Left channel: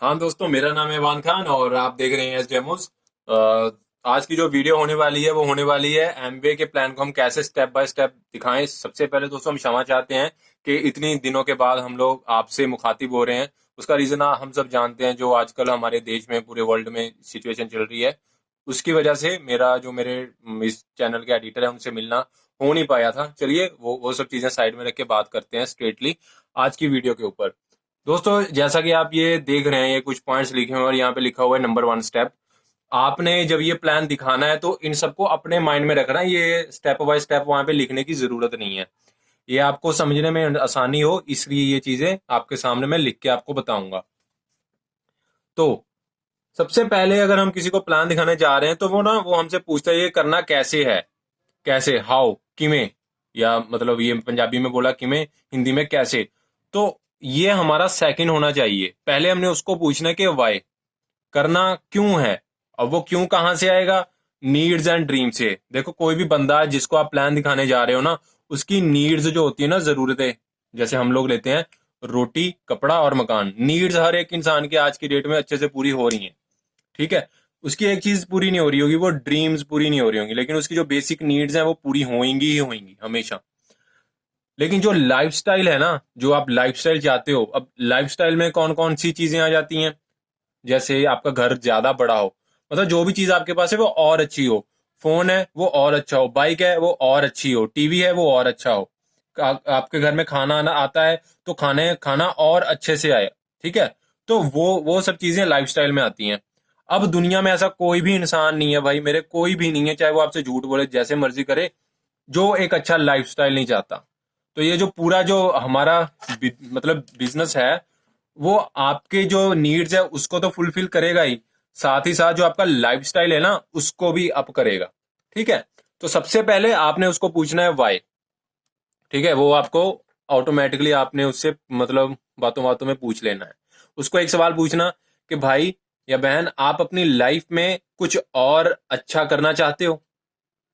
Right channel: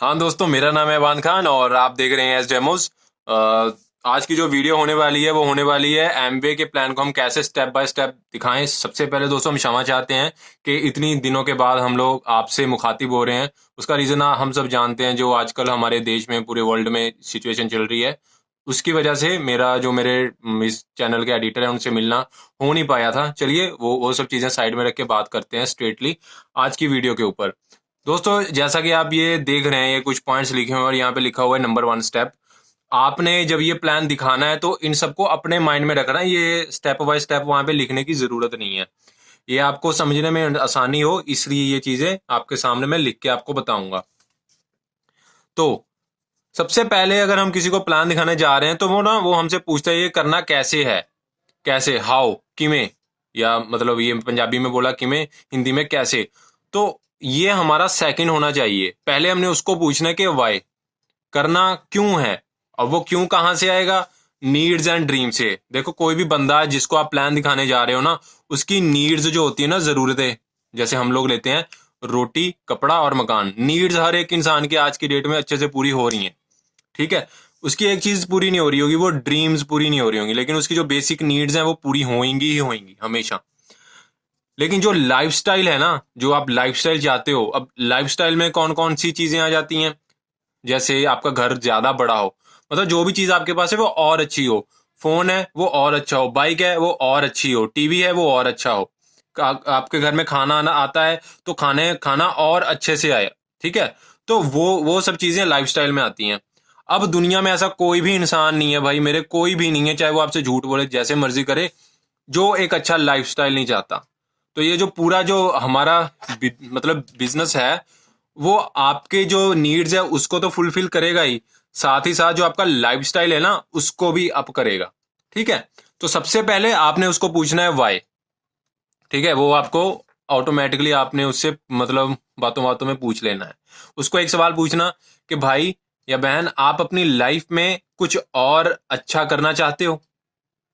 हाँ दोस्तों, मेरा नाम है इवान खान और आप देख रहे हैं एस डेमोस। आज की जो वीडियो होने वाली है वो होने वाली है एमवे के प्लान को हम कैसे स्टेप बाय स्टेप दिखाएं। सबसे पहले दोस्तों हम क्षमा चाहते हैं कि इतनी दिनों के बाद हम लोग आपसे मुखातिब हो रहे हैं। उसका रीज़न हम सब जानते हैं, जो आजकल हमारे देश में पूरे वर्ल्ड में सिचुएशन चल रही है, उसकी वजह से मेरे इस चैनल के एडिटर है उनसे मिलना हो नहीं पाया था। चलिए वो सब चीज़ें साइड में रख के बात करते हैं स्ट्रेटली आज की वीडियो के ऊपर। दोस्तों, जैसा कि आप ये देख रहे हैं, ये कुछ पॉइंट्स लिखे हुए हैं और यहाँ पे लिखा हुआ है नंबर 1 स्टेप। आपने जब ये प्लान दिखाना है तो इन सबको अपने माइंड में रखना है। ये स्टेप बाय स्टेप वहां पे लिखने की जरूरत नहीं है। ये आपको समझने में आसानी हो, इसलिए ये चीजें आपके सामने मैं लिख के आपको बताऊंगा। तो सबसे पहले अगर हम किसी को प्लान दिखाने जा रहे हैं तो वो हमसे पूछता है ये करना कैसे है। कैसे, हाउ, किमें, या मतलब ये पंजाबी में बोला किमें, हिंदी में कैसे। तो ये हमारा सेकंड होना चाहिए। पहले हमने उसको पूछना है कि वाई, करना क्यों है। अब वो क्यों कहाँ से आएगा? नीड्स एंड ड्रीम से। देखो, कोई भी बंदा जिसको आप प्लान दिखाने जा रहे हो ना, उसकी नीड्स जो होती है ना, जरूरतें, जैसे हम लोग लेते हैं रोटी, कपड़ा और मकान। नीड्स हर एक इंसान की आज की डेट में अच्छे से पूरी हो रही हैं, ठीक है। उसकी एक चीज पूरी नहीं हो रही होगी, वो ड्रीम्स पूरी नहीं हो रही होंगी, लेकिन उसकी जो बेसिक नीड्स हैं वो पूरी होंगी ही होंगी हमेशा। लेकिन जो लाइफस्टाइल है ना, जो आप लाइफस्टाइल चाहते हो, अब लाइफस्टाइल में कौन कौन सी चीजें आ जाती हैं? जैसे आपका घर ज्यादा बड़ा हो, मतलब जो भी चीज आपके पास है वो और अच्छी हो। फोन है वो और अच्छा हो, बाइक है वो और अच्छी हो, टीवी है वो और अच्छा हो। आपके घर में खाना आना आता है तो खाना और अच्छे से आए, ठीक है। तो वो सब चीजें लाइफस्टाइल में आती हैं। अब दुनिया में ऐसा कोई भी इंसान नहीं है भाई, मेरे कोई भी नहीं है, चाहे वो आपसे झूठ बोले जैसे मर्जी करे, जो एक अच्छा लाइफस्टाइल नहीं चाहता। तो ये जो पूरा जो हमारा मतलब बिजनेस है, वो आपके जो नीड्स है उसको तो फुलफिल करेगा ही, साथ ही साथ जो आपका लाइफस्टाइल है ना उसको भी अप करेगा, ठीक है। तो सबसे पहले आपने उसको पूछना है वाई, ठीक है। वो आपको ऑटोमेटिकली आपने उससे मतलब बातों बातों में पूछ लेना है। उसको एक सवाल पूछना कि भाई या बहन, आप अपनी लाइफ में कुछ और अच्छा करना चाहते हो,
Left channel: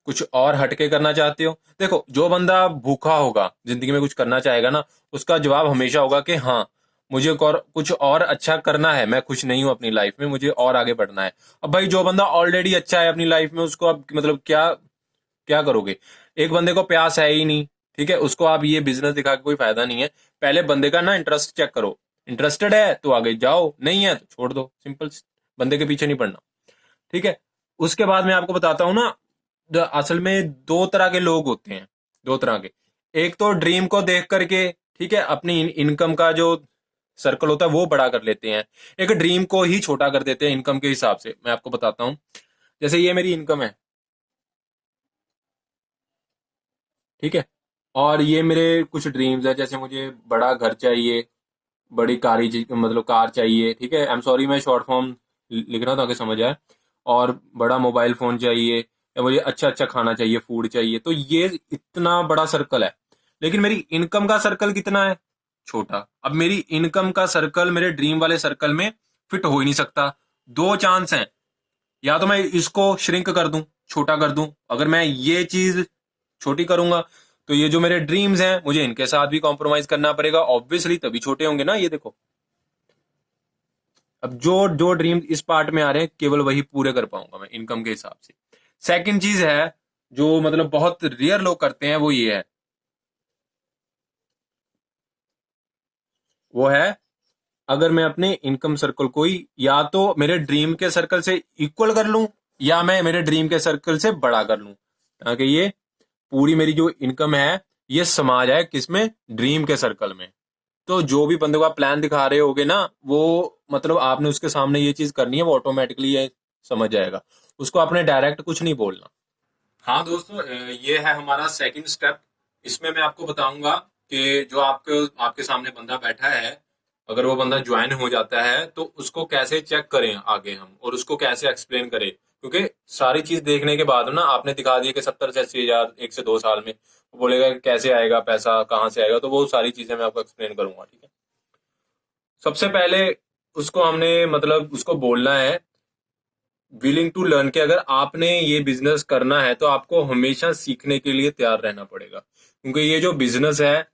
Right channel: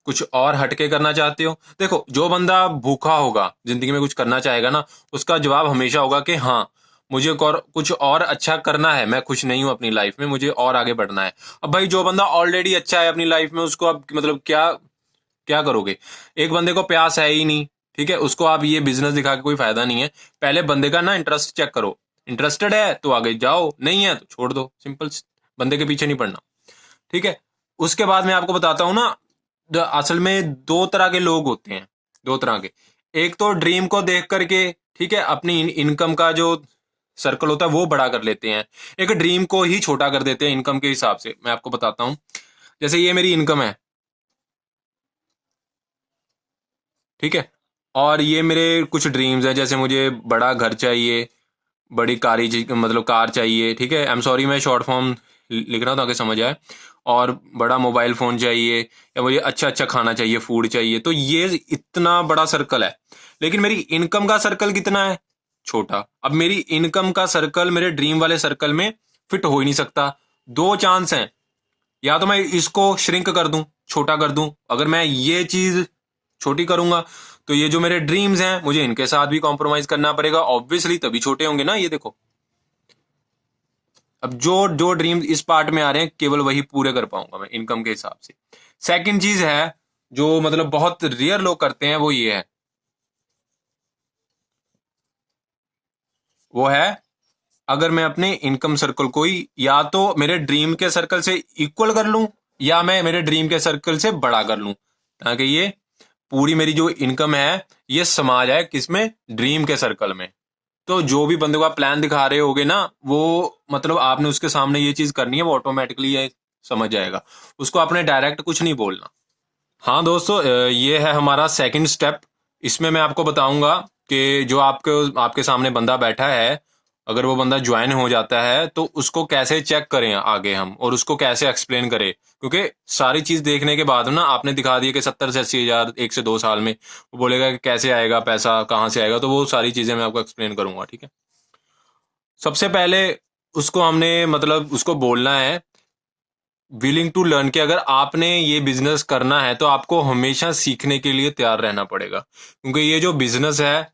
कुछ और हटके करना चाहते हो? देखो, जो बंदा भूखा होगा, जिंदगी में कुछ करना चाहेगा ना, उसका जवाब हमेशा होगा कि हाँ, मुझे कुछ और अच्छा करना है, मैं खुश नहीं हूं अपनी लाइफ में, मुझे और आगे बढ़ना है। अब भाई जो बंदा ऑलरेडी अच्छा है अपनी लाइफ में, उसको अब मतलब क्या क्या करोगे? एक बंदे को प्यास है ही नहीं, ठीक है, उसको आप ये बिजनेस दिखा के कोई फायदा नहीं है। पहले बंदे का ना इंटरेस्ट चेक करो। इंटरेस्टेड है तो आगे जाओ, नहीं है तो छोड़ दो, सिंपल। बंदे के पीछे नहीं पड़ना, ठीक है। उसके बाद मैं आपको बताता हूँ ना, असल में दो तरह के लोग होते हैं, दो तरह के। एक तो ड्रीम को देख करके, ठीक है, अपनी इनकम का जो सर्कल होता है वो बड़ा कर लेते हैं। एक ड्रीम को ही छोटा कर देते हैं इनकम के हिसाब से। मैं आपको बताता हूँ, जैसे ये मेरी इनकम है, ठीक है, और ये मेरे कुछ ड्रीम्स हैं। जैसे मुझे बड़ा घर चाहिए, बड़ी मतलब कार चाहिए, ठीक है। आई एम सॉरी, मैं शॉर्ट फॉर्म लिख रहा हूँ ताकि समझ आए। और बड़ा मोबाइल फोन चाहिए, या मुझे अच्छा अच्छा खाना चाहिए, फूड चाहिए। तो ये इतना बड़ा सर्कल है, लेकिन मेरी इनकम का सर्कल कितना है? छोटा। अब मेरी इनकम का सर्कल मेरे ड्रीम वाले सर्कल में फिट हो ही नहीं सकता। दो चांस हैं, या तो मैं इसको श्रिंक कर दूं, छोटा कर दूं। अगर मैं ये चीज छोटी करूंगा तो ये जो मेरे ड्रीम्स हैं मुझे इनके साथ भी कॉम्प्रोमाइज करना पड़ेगा, ऑब्वियसली, तभी छोटे होंगे ना। ये देखो, अब जो जो ड्रीम इस पार्ट में आ रहे हैं केवल वही पूरे कर पाऊंगा मैं इनकम के हिसाब से। सेकंड चीज है, जो मतलब बहुत रेयर लोग करते हैं, वो ये है, वो है, अगर मैं अपने इनकम सर्कल को ही या तो मेरे ड्रीम के सर्कल से इक्वल कर लूं, या मैं मेरे ड्रीम के सर्कल से बड़ा कर लूं, ताकि ये पूरी मेरी जो इनकम है ये समा जाए किसमें? ड्रीम के सर्कल में। तो जो भी बंदे को आप प्लान दिखा रहे होगे ना, वो मतलब आपने उसके सामने ये चीज करनी है, वो ऑटोमेटिकली ये समझ जाएगा। उसको आपने डायरेक्ट कुछ नहीं बोलना। हाँ दोस्तों, ये है हमारा सेकंड स्टेप। इसमें मैं आपको बताऊंगा कि जो आपके आपके सामने बंदा बैठा है, अगर वो बंदा ज्वाइन हो जाता है तो उसको कैसे चेक करें आगे हम, और उसको कैसे एक्सप्लेन करें। क्योंकि सारी चीज देखने के बाद ना, आपने दिखा दिया कि 70 से 80 हजार 1 से 2 साल में, वो बोलेगा कि कैसे आएगा पैसा, कहाँ से आएगा। तो वो सारी चीजें मैं आपको एक्सप्लेन करूंगा, ठीक है। सबसे पहले उसको हमने मतलब उसको बोलना है विलिंग टू लर्न, कि अगर आपने ये बिजनेस करना है तो आपको हमेशा सीखने के लिए तैयार रहना पड़ेगा। क्योंकि ये जो बिजनेस है,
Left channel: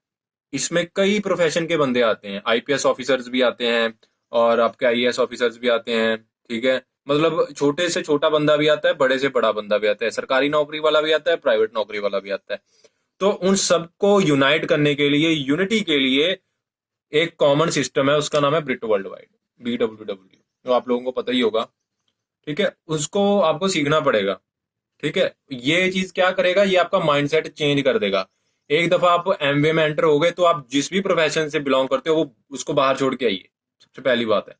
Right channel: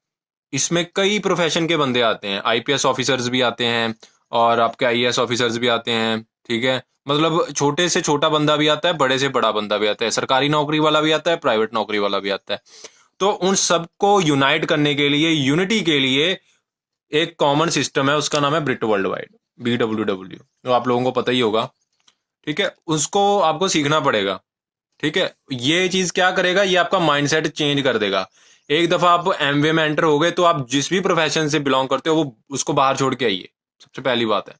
इसमें कई प्रोफेशन के बंदे आते हैं, आईपीएस ऑफिसर्स भी आते हैं, और आपके आईएएस ऑफिसर्स भी आते हैं, ठीक है। मतलब छोटे से छोटा बंदा भी आता है, बड़े से बड़ा बंदा भी आता है, सरकारी नौकरी वाला भी आता है, प्राइवेट नौकरी वाला भी आता है। तो उन सबको यूनाइट करने के लिए, यूनिटी के लिए एक कॉमन सिस्टम है, उसका नाम है ब्रिट वर्ल्ड वाइड, BWW, तो आप लोगों को पता ही होगा, ठीक है। उसको आपको सीखना पड़ेगा, ठीक है। ये चीज क्या करेगा, ये आपका माइंडसेट चेंज कर देगा। एक दफा आप एमवे में एंटर हो गए तो आप जिस भी प्रोफेशन से बिलोंग करते हो वो उसको बाहर छोड़ के आइए, सबसे पहली बात है।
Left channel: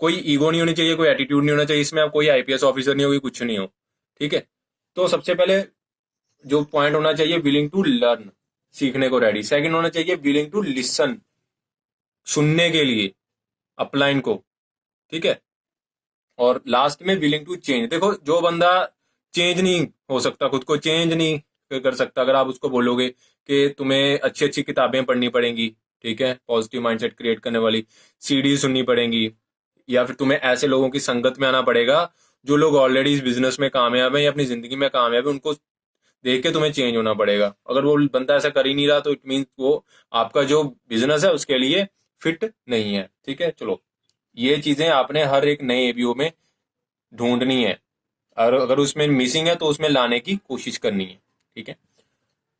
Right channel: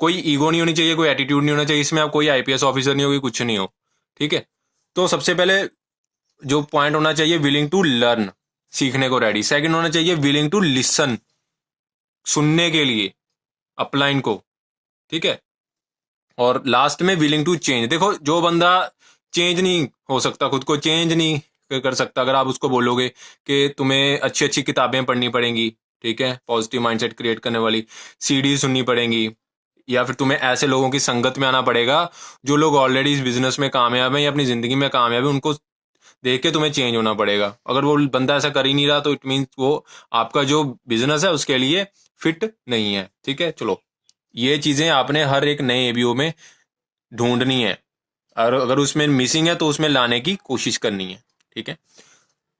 कोई ईगो नहीं होनी चाहिए, कोई एटीट्यूड नहीं होना चाहिए इसमें, आप कोई आईपीएस ऑफिसर नहीं हो, कोई कुछ नहीं हो, ठीक है। तो सबसे पहले जो पॉइंट होना चाहिए, विलिंग टू लर्न, सीखने को रेडी। सेकंड होना चाहिए विलिंग टू लिसन, सुनने के लिए अपलाइन को, ठीक है। और लास्ट में विलिंग टू चेंज। देखो जो बंदा चेंज नहीं हो सकता, खुद को चेंज नहीं कर सकता, अगर आप उसको बोलोगे कि तुम्हें अच्छी अच्छी किताबें पढ़नी पड़ेंगी, ठीक है, पॉजिटिव माइंडसेट क्रिएट करने वाली, सीडी सुननी पड़ेंगी, या फिर तुम्हें ऐसे लोगों की संगत में आना पड़ेगा जो लोग ऑलरेडी इस बिजनेस में कामयाब हैं या अपनी जिंदगी में कामयाब है, उनको देख के तुम्हें चेंज होना पड़ेगा। अगर वो बंदा ऐसा कर ही नहीं रहा तो इट मीन्स वो आपका जो बिजनेस है उसके लिए फिट नहीं है, ठीक है। चलो, ये चीजें आपने हर एक नए एबीओ में ढूंढनी है, और अगर उसमें मिसिंग है तो उसमें लाने की कोशिश करनी है, ठीक है।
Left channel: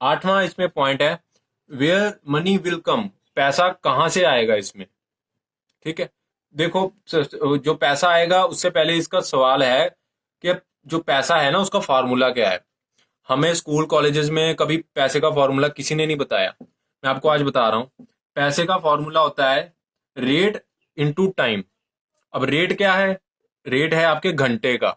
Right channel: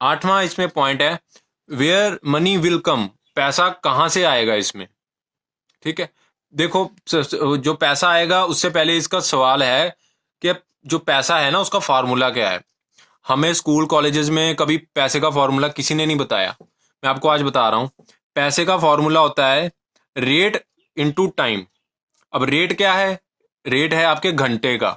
आठवां इसमें पॉइंट है वेयर मनी विल कम, पैसा कहाँ से आएगा इसमें, ठीक है। देखो जो पैसा आएगा उससे पहले इसका सवाल है कि जो पैसा है ना उसका फार्मूला क्या है। हमें स्कूल कॉलेजेस में कभी पैसे का फॉर्मूला किसी ने नहीं बताया, मैं आपको आज बता रहा हूँ। पैसे का फॉर्मूला होता है रेट इनटू टाइम। अब रेट क्या है, रेट है आपके घंटे का।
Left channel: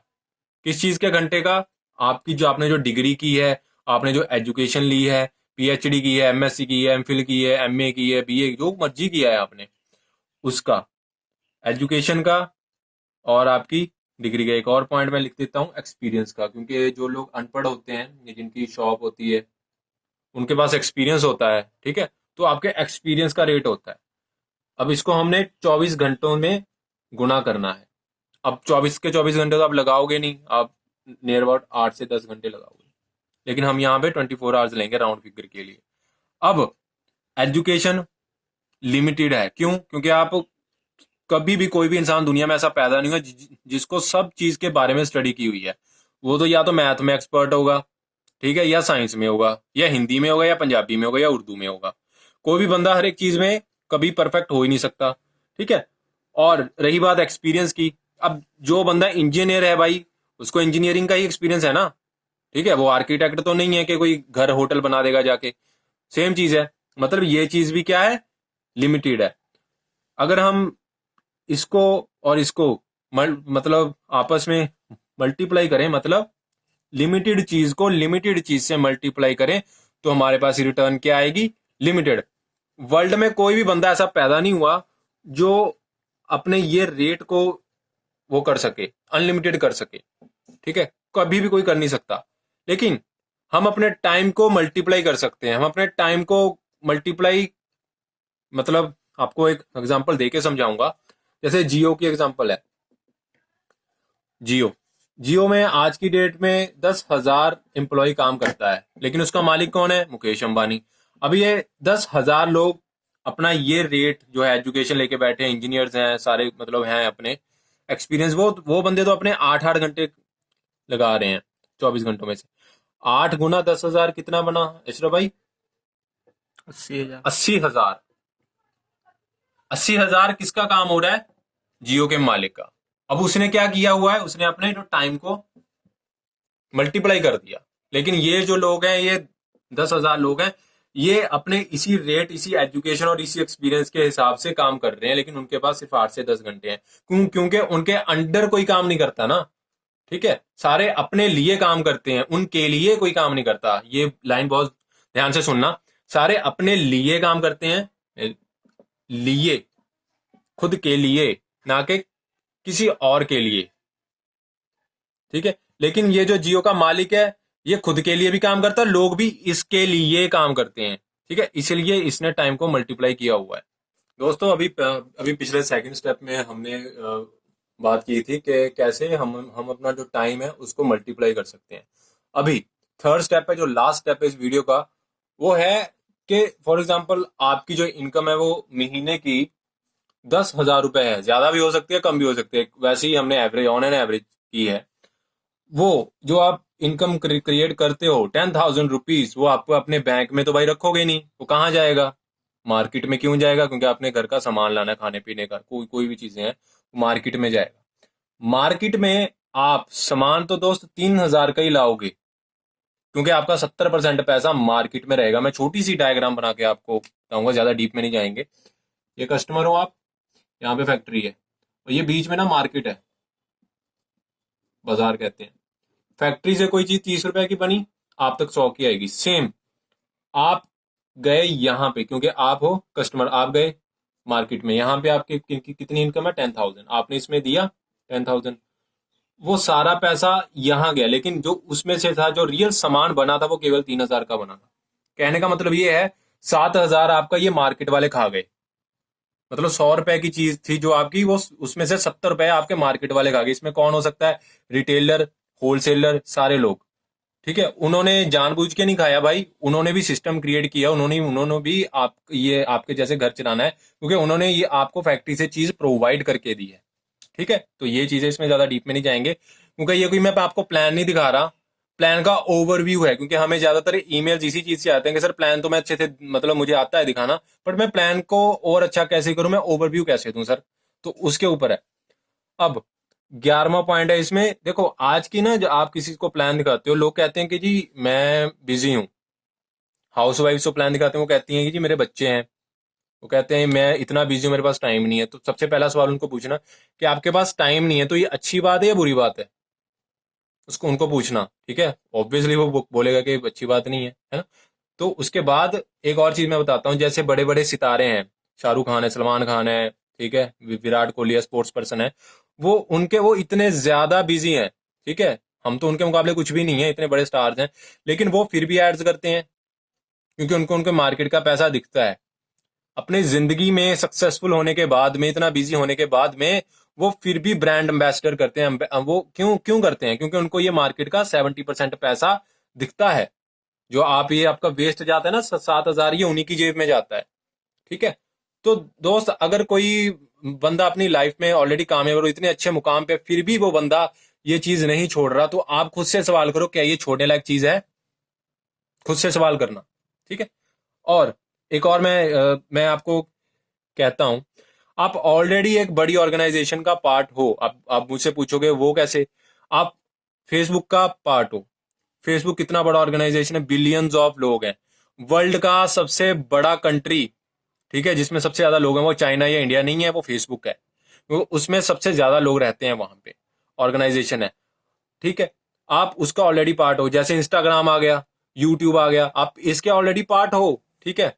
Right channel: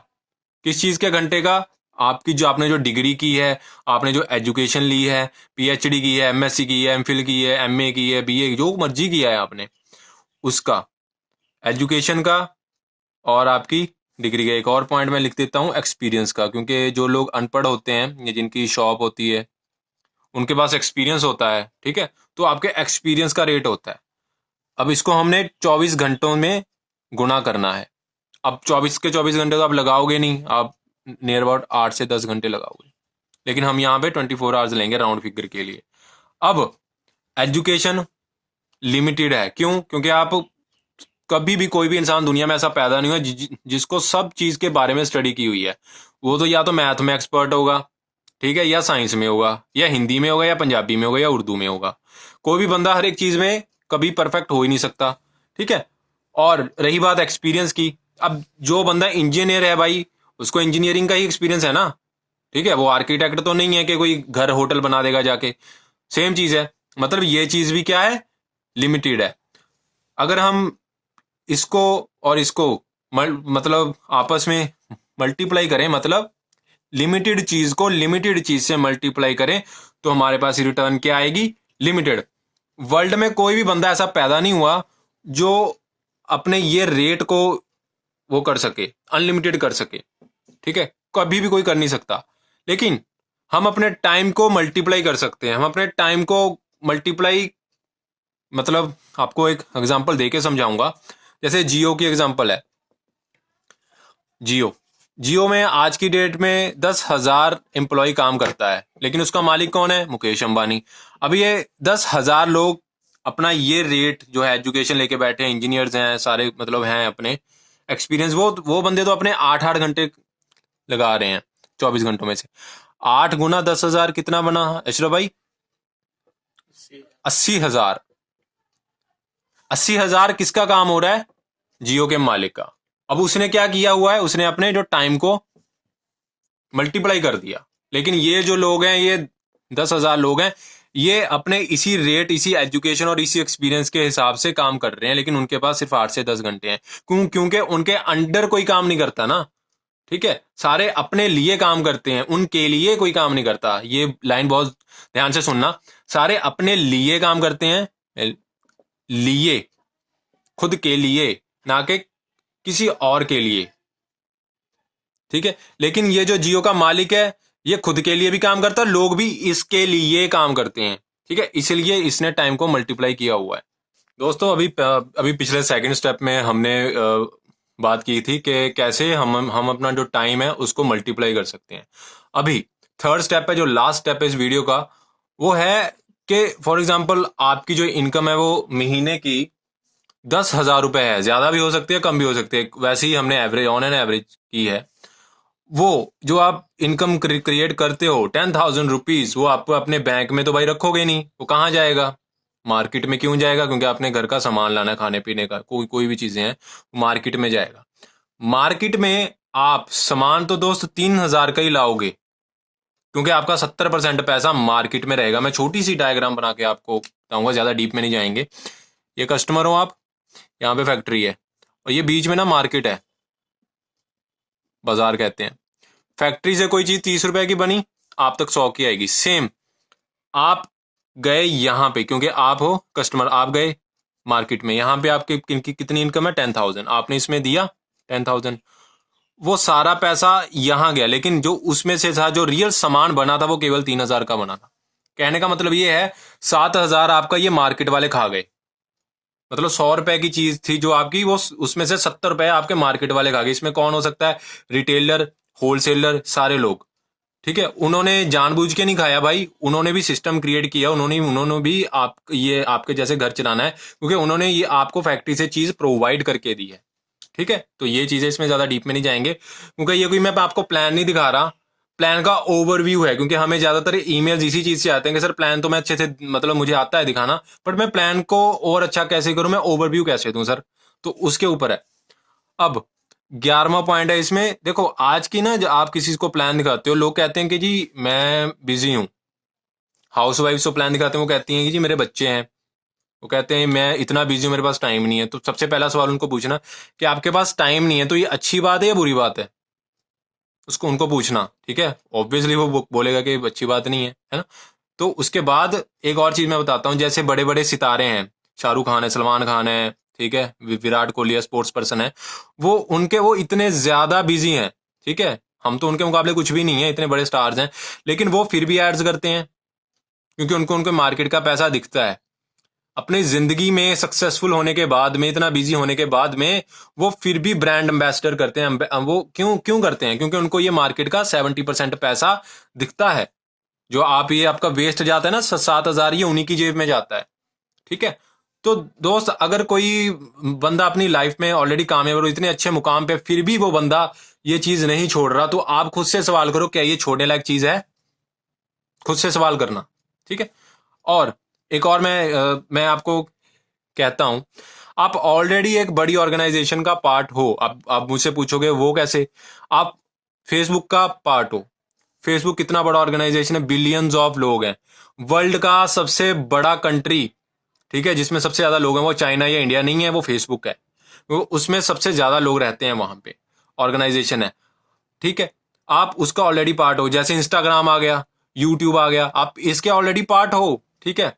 किस चीज के घंटे का, आपकी जो आपने जो डिग्री की है, आपने जो एजुकेशन ली है, पीएचडी की है, एमएससी की है, एमफिल की है, एमए की है, बीए, जो मर्जी किया है आपने, उसका, एजुकेशन का, और आपकी डिग्री का। एक और पॉइंट मैं लिख देता हूँ एक्सपीरियंस का, क्योंकि जो लोग अनपढ़ होते हैं या जिनकी शॉप होती है उनके पास एक्सपीरियंस होता है, ठीक है। तो आपके एक्सपीरियंस का रेट होता है। अब इसको हमने 24 घंटों में गुणा करना है। अब 24 के 24 घंटे तो आप लगाओगे नहीं, आप नियर अबाउट 8 से 10 घंटे लगाओगे, लेकिन हम यहाँ पे 24 आवर्स लेंगे राउंड फिगर के लिए। अब एजुकेशन लिमिटेड है, क्यों? क्योंकि आप कभी भी, कोई भी इंसान दुनिया में ऐसा पैदा नहीं हुआ जिसको सब चीज के बारे में स्टडी की हुई है। वो तो या तो मैथ में एक्सपर्ट होगा, ठीक है, या साइंस में होगा, या हिंदी में होगा, या पंजाबी में होगा, या उर्दू में होगा। कोई भी बंदा हर एक चीज में कभी परफेक्ट हो ही नहीं सकता, ठीक है। और रही बात एक्सपीरियंस की, अब जो बंदा इंजीनियर है भाई, उसको इंजीनियरिंग का ही एक्सपीरियंस है ना, ठीक है। वो आर्किटेक्ट तो नहीं है कि कोई घर होटल बना देगा जाके, सेम चीज है। मतलब ये चीज भी क्या है, लिमिटेड है। अगर हम इसको और इसको मतलब आपस में मल्टीप्लाई करें, मतलब लिमिटेड चीज को लिमिटेड चीज से मल्टीप्लाई करें, तो हमारे पास रिटर्न क्या आएगी, लिमिटेड। वर्ल्ड में कोई भी बंदा ऐसा पैदा नहीं हुआ जो अपने ये रेट को वो कर सके, अनलिमिटेड कर सके, ठीक है, कभी भी कोई कर नहीं सकता। लेकिन हम अपने टाइम को मल्टीप्लाई कर सकते हैं, हम अपने टाइम को मल्टीप्लाई, मतलब आपको एक एग्जांपल देके समझाऊंगा। जैसे जियो की एग्जांपल है, जियो, जियो में आज की डेट में 10,000 एम्प्लॉय काम करता है, लेकिन उसका मालिक कौन है, मुकेश अंबानी। अब ये 10,000 लोग अपना ये रेट जो है, एजुकेशन लेके बैठे हैं, इंजीनियर्स हैं सारे, मतलब हैं अपने एक्सपीरियंस, वो बंदे तो अपने 8-8 घंटे लगा रहे हैं 24 घंटों में से। 8 गुना 10,000 कितना बना अशरफ भाई? 80,000। 80,000। 80,000 किसका काम हो रहा है, जियो के मालिक का। अब उसने क्या किया हुआ है, उसने अपने जो टाइम को मल्टीप्लाई कर दिया। लेकिन ये जो लोग हैं, ये 10,000 लोग हैं, ये अपने इसी रेट, इसी एजुकेशन और इसी एक्सपीरियंस के हिसाब से काम कर रहे हैं, लेकिन उनके पास सिर्फ 8 से 10 घंटे हैं। क्योंकि उनके अंडर कोई काम नहीं करता ना, ठीक है। सारे अपने लिए काम करते हैं, उनके लिए कोई काम नहीं करता। ये लाइन बहुत ध्यान से सुनना, सारे अपने लिए काम करते हैं, लिए, खुद के लिए, ना कि किसी और के लिए, ठीक है। लेकिन ये जो जियो का मालिक है, ये खुद के लिए भी काम करता है, लोग भी इसके लिए काम करते हैं, ठीक है, इसलिए इसने टाइम को मल्टीप्लाई किया हुआ है। दोस्तों, अभी पिछले सेकंड स्टेप में हमने बात की थी कि कैसे हम अपना जो टाइम है उसको मल्टीप्लाई कर सकते हैं। अभी थर्ड स्टेप है, जो लास्ट स्टेप है इस वीडियो का, वो है कि फॉर एग्जांपल आपकी जो इनकम है वो महीने की 10,000 रुपए है, ज्यादा भी हो सकती है कम भी हो सकती है, वैसे ही हमने एवरेज ऑन एन एवरेज की है। वो जो आप इनकम क्रिएट करते हो 10,000 रुपीज, वो आपको अपने बैंक में तो भाई रखोगे नहीं, वो कहाँ जाएगा? मार्केट में क्यों जाएगा? क्योंकि आपने घर का सामान लाना है, खाने पीने का, कोई कोई भी चीजें हैं, मार्केट में जाएगा। मार्केट में आप सामान तो दोस्त 3,000 का ही लाओगे, क्योंकि आपका 70% पैसा मार्केट में रहेगा। मैं छोटी सी डायग्राम बना के आपको बताऊंगा, ज्यादा डीप में नहीं जाएंगे। ये कस्टमर हो आप, यहाँ पे फैक्ट्री है, और ये बीच में ना मार्केट है, बाजार कहते हैं। फैक्ट्री से कोई चीज 30 रुपए की बनी, आप तक 100 की आएगी। सेम आप गए यहाँ पे, क्योंकि आप हो कस्टमर, आप गए मार्केट में, यहाँ पे आपकी कितनी इनकम है? 10,000, आपने इसमें दिया 10,000, वो सारा पैसा यहाँ गया, लेकिन जो उसमें से था, जो रियल सामान बना था, वो केवल 3,000 का बना था। कहने का मतलब ये है, 7,000 आपका ये मार्केट वाले खा गए। मतलब 100 रुपए की चीज थी जो आपकी, वो उसमें से 70 रुपए आपके मार्केट वाले खा गए। इसमें कौन हो सकता है? रिटेलर, होलसेलर, सारे लोग। ठीक है, उन्होंने जानबूझ के नहीं खाया भाई, उन्होंने भी सिस्टम क्रिएट किया, उन्होंने भी आप ये आपके जैसे घर चलाना है, क्योंकि उन्होंने ये आपको फैक्ट्री से चीज प्रोवाइड करके दी है। ठीक है, तो ये चीजें इसमें ज्यादा डीप में नहीं जाएंगे, क्योंकि ये कोई मैं आपको प्लान नहीं दिखा रहा, प्लान का ओवरव्यू है। क्योंकि हमें ज्यादातर ईमेल्स इसी चीज से आते हैं कि सर प्लान तो मैं अच्छे से, मतलब मुझे आता है दिखाना, बट मैं प्लान को और अच्छा कैसे करूं, मैं ओवरव्यू कैसे दूं सर, तो उसके ऊपर है। अब 11वां पॉइंट है इसमें, देखो आज की ना, जब आप किसी को प्लान दिखाते हो, लोग कहते हैं कि जी मैं बिजी हूँ। हाउस वाइफ को प्लान दिखाते हैं, वो कहती हैं कि जी मेरे बच्चे हैं, वो कहते हैं मैं इतना बिजी हूँ, मेरे पास टाइम नहीं है। तो सबसे पहला सवाल उनको पूछना कि आपके पास टाइम नहीं है, तो ये अच्छी बात है या बुरी बात है? उसको उनको पूछना, ठीक है। ऑब्वियसली वो बोलेगा कि अच्छी बात नहीं है ना। तो उसके बाद एक और चीज मैं बताता हूँ, जैसे बड़े बड़े सितारे हैं, शाहरुख खान है, सलमान खान है, ठीक है, विराट कोहली है, स्पोर्ट्स पर्सन है, वो इतने ज्यादा बिजी हैं, ठीक है। हम तो उनके मुकाबले कुछ भी नहीं है, इतने बड़े स्टार्स हैं, लेकिन वो फिर भी एड्स करते हैं, क्योंकि उनको उनके मार्केट का पैसा दिखता है। अपने जिंदगी में सक्सेसफुल होने के बाद में, इतना बिजी होने के बाद में, वो फिर भी ब्रांड एम्बेसडर करते हैं। वो क्यों क्यों करते हैं? क्योंकि उनको ये मार्केट का 70% पैसा दिखता है। जो आप ये आपका वेस्ट जाता है ना 7,000, ये उन्हीं की जेब में जाता है। ठीक है, तो दोस्त अगर कोई बंदा अपनी लाइफ में ऑलरेडी कामयाब और इतने अच्छे मुकाम पे, फिर भी वो बंदा ये चीज नहीं छोड़ रहा, तो आप खुद से सवाल करो, क्या ये छोड़ने लायक चीज है? खुद से सवाल करना, ठीक है। और एक और मैं आपको कहता हूं, आप ऑलरेडी एक बड़ी ऑर्गेनाइजेशन का पार्ट हो। आप मुझसे पूछोगे वो कैसे? आप फेसबुक का पार्ट हो। फेसबुक कितना बड़ा ऑर्गेनाइजेशन है, बिलियंस ऑफ लोग हैं। वर्ल्ड का सबसे बड़ा कंट्री, ठीक है, जिसमें सबसे ज्यादा लोग हैं, वो चाइना या इंडिया नहीं है, वो फेसबुक है। वो उसमें सबसे ज्यादा लोग रहते हैं, वहां पे ऑर्गेनाइजेशन है। ठीक है, आप उसका ऑलरेडी पार्ट हो। जैसे इंस्टाग्राम आ गया, यूट्यूब आ गया, आप इसके ऑलरेडी पार्ट हो। ठीक है,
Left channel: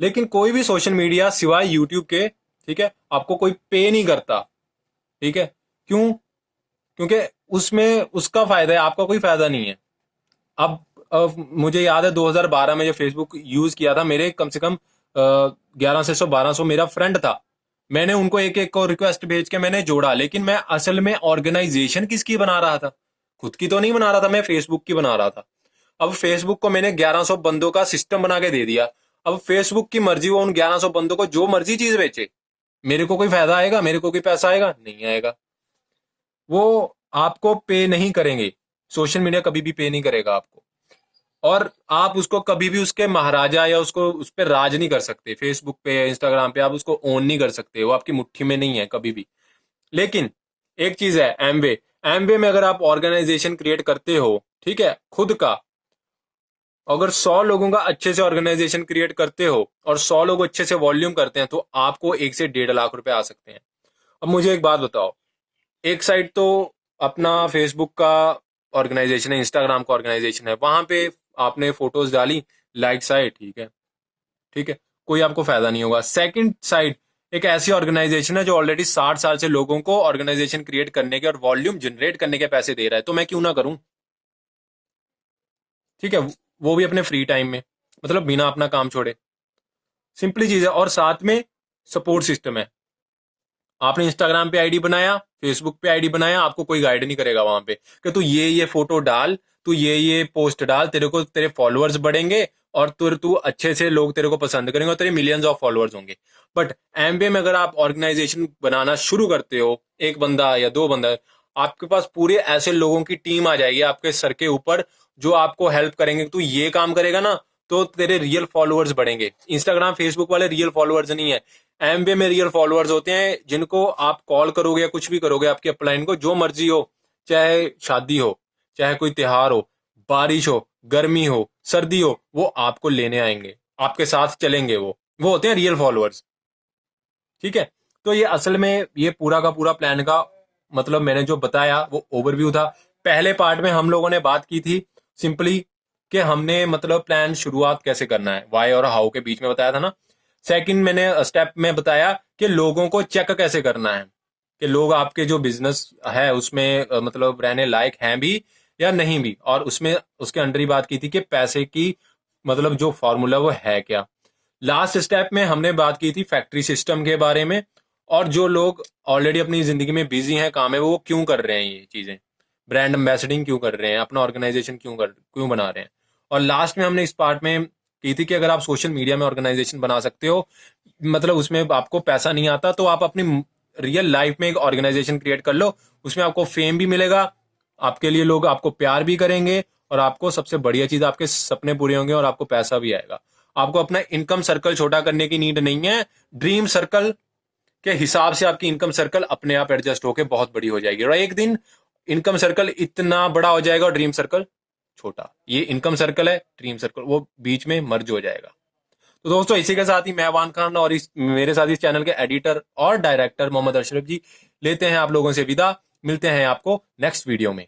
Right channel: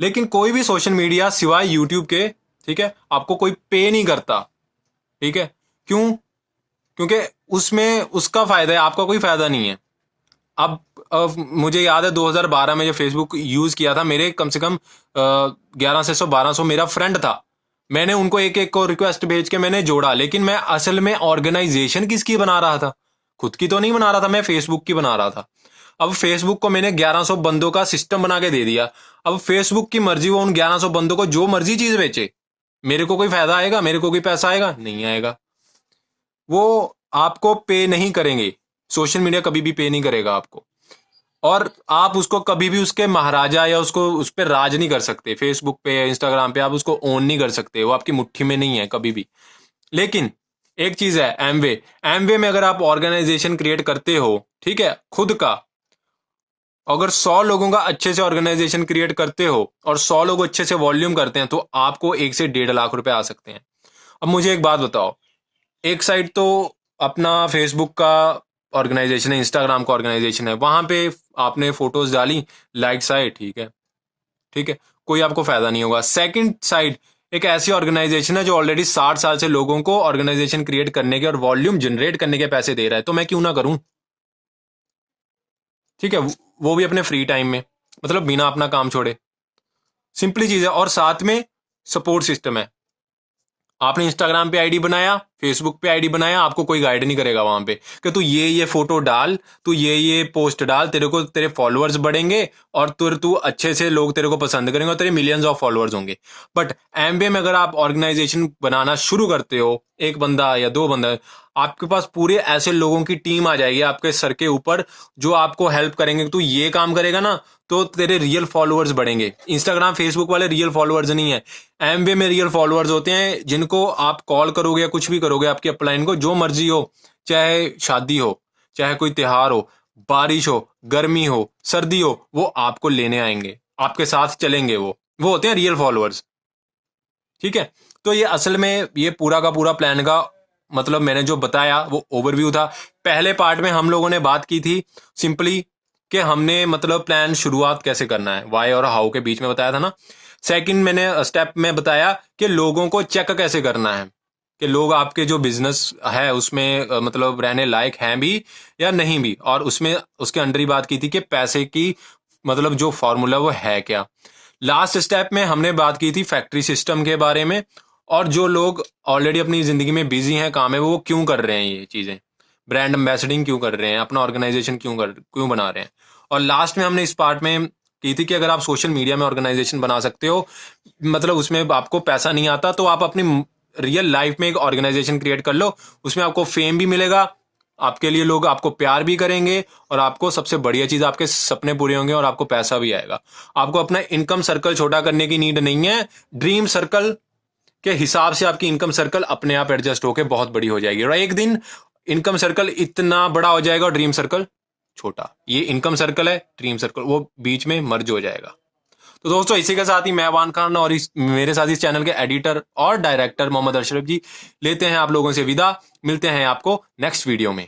लेकिन कोई भी सोशल मीडिया सिवाय यूट्यूब के, ठीक है, आपको कोई पे नहीं करता। ठीक है, क्यों? क्योंकि उसमें उसका फायदा है, आपका कोई फायदा नहीं है। अब मुझे याद है 2012 में जब फेसबुक यूज किया था, मेरे कम से कम 1100 1200 मेरा फ्रेंड था। मैंने उनको एक एक को रिक्वेस्ट भेज के मैंने जोड़ा, लेकिन मैं असल में ऑर्गेनाइजेशन किसकी बना रहा था? खुद की तो नहीं बना रहा था, मैं फेसबुक की बना रहा था। अब फेसबुक को मैंने 1100 बंदों का सिस्टम बना के दे दिया। अब फेसबुक की मर्जी, वो उन 1100 बंदों को जो मर्जी चीज बेचे, मेरे को कोई फायदा आएगा? मेरे को कोई पैसा आएगा? नहीं आएगा। वो आपको पे नहीं करेंगे, सोशल मीडिया कभी भी पे नहीं करेगा आपको। और आप उसको कभी भी उसके महाराजा या उसको उस पर राज नहीं कर सकते। फेसबुक पे या इंस्टाग्राम पे आप उसको ओन नहीं कर सकते, वो आपकी मुट्ठी में नहीं है कभी भी। लेकिन एक चीज है, एमवे। एमवे में अगर आप ऑर्गेनाइजेशन क्रिएट करते हो, ठीक है, खुद का, अगर 100 लोगों का अच्छे से ऑर्गेनाइजेशन क्रिएट करते हो और 100 लोग अच्छे से वॉल्यूम करते हैं, तो आपको 1 से 1.5 लाख रुपए आ सकते हैं। अब मुझे एक बात बताओ, एक साइड तो अपना फेसबुक का ऑर्गेनाइजेशन है, इंस्टाग्राम का ऑर्गेनाइजेशन है, वहां पे आपने फोटोज डाली, लाइक्स आए, ठीक है, ठीक है, कोई आपको फायदा नहीं होगा। सेकंड साइड एक ऐसी ऑर्गेनाइजेशन है जो ऑलरेडी 60 साल से लोगों को ऑर्गेनाइजेशन क्रिएट करने के और वॉल्यूम जनरेट करने के पैसे दे रहा है, तो मैं क्यों ना करूं? ठीक है, वो भी अपने फ्री टाइम में, मतलब बिना अपना काम छोड़े। सिंपली चीज है, और साथ में सपोर्ट सिस्टम है। आपने इंस्टाग्राम पे आईडी बनाया, फेसबुक पे आईडी बनाया, आपको कोई गाइड नहीं करेगा वहां पे कि तू ये फोटो डाल, तू ये पोस्ट डाल, तेरे को तेरे फॉलोअर्स बढ़ेंगे और तू अच्छे से लोग तेरे को पसंद करेंगे और तेरे मिलियंस ऑफ फॉलोअर्स होंगे। बट एमबीए में अगर आप ऑर्गेनाइजेशन बनाना शुरू करते हो, एक बंदा या दो बंदा, आपके पास पूरे ऐसे लोगों की टीम आ जाएगी आपके सर के ऊपर जो आपको हेल्प करेंगे। तू ये काम करेगा ना तो तेरे रियल फॉलोअर्स बढ़ेंगे। इंस्टाग्राम फेसबुक वाले रियल फॉलोअर्स नहीं है, एमबीए में रियल फॉलोअर्स होते हैं जिनको आप कॉल करोगे या कुछ भी करोगे आपकी अपलाइन को, जो मर्जी हो, चाहे शादी हो, चाहे कोई त्योहार हो, बारिश हो, गर्मी हो, सर्दी हो, वो आपको लेने आएंगे, आपके साथ चलेंगे। वो होते हैं रियल फॉलोअर्स। ठीक है, तो ये असल में ये पूरा का पूरा प्लान का मतलब मैंने जो बताया वो ओवरव्यू था। पहले पार्ट में हम लोगों ने बात की थी सिंपली कि हमने मतलब प्लान शुरुआत कैसे करना है, वाई और हाउ के बीच में बताया था ना। सेकंड मैंने स्टेप में बताया कि लोगों को चेक कैसे करना है कि लोग आपके जो बिजनेस है उसमें मतलब रहने लायक हैं भी या नहीं भी, और उसमें उसके अंदर ही बात की थी कि पैसे की मतलब जो फॉर्मूला वो है क्या। लास्ट स्टेप में हमने बात की थी फैक्ट्री सिस्टम के बारे में, और जो लोग ऑलरेडी अपनी जिंदगी में बिजी हैं, काम है, वो क्यों कर रहे हैं ये चीजें, ब्रांड एम्बेसडिंग क्यों कर रहे हैं, अपना ऑर्गेनाइजेशन क्यों बना रहे हैं। और लास्ट में हमने इस पार्ट में की थी कि अगर आप सोशल मीडिया में ऑर्गेनाइजेशन बना सकते हो, मतलब उसमें आपको पैसा नहीं आता, तो आप अपनी रियल लाइफ में एक ऑर्गेनाइजेशन क्रिएट कर लो, उसमें आपको फेम भी मिलेगा, आपके लिए लोग आपको प्यार भी करेंगे, और आपको सबसे बढ़िया चीज आपके सपने पूरे होंगे और आपको पैसा भी आएगा। आपको अपना इनकम सर्कल छोटा करने की नीड नहीं है, ड्रीम सर्कल के हिसाब से आपकी इनकम सर्कल अपने आप एडजस्ट होकर बहुत बड़ी हो जाएगी, और एक दिन इनकम सर्कल इतना बड़ा हो जाएगा और ड्रीम सर्कल छोटा। ये इनकम सर्कल है, ड्रीम सर्कल वो बीच में मर्ज हो जाएगा। तो दोस्तों इसी के साथ ही मैं अवान खान और मेरे साथ इस चैनल के एडिटर और डायरेक्टर मोहम्मद अशरफ जी लेते हैं आप लोगों से विदा। मिलते हैं आपको नेक्स्ट वीडियो में।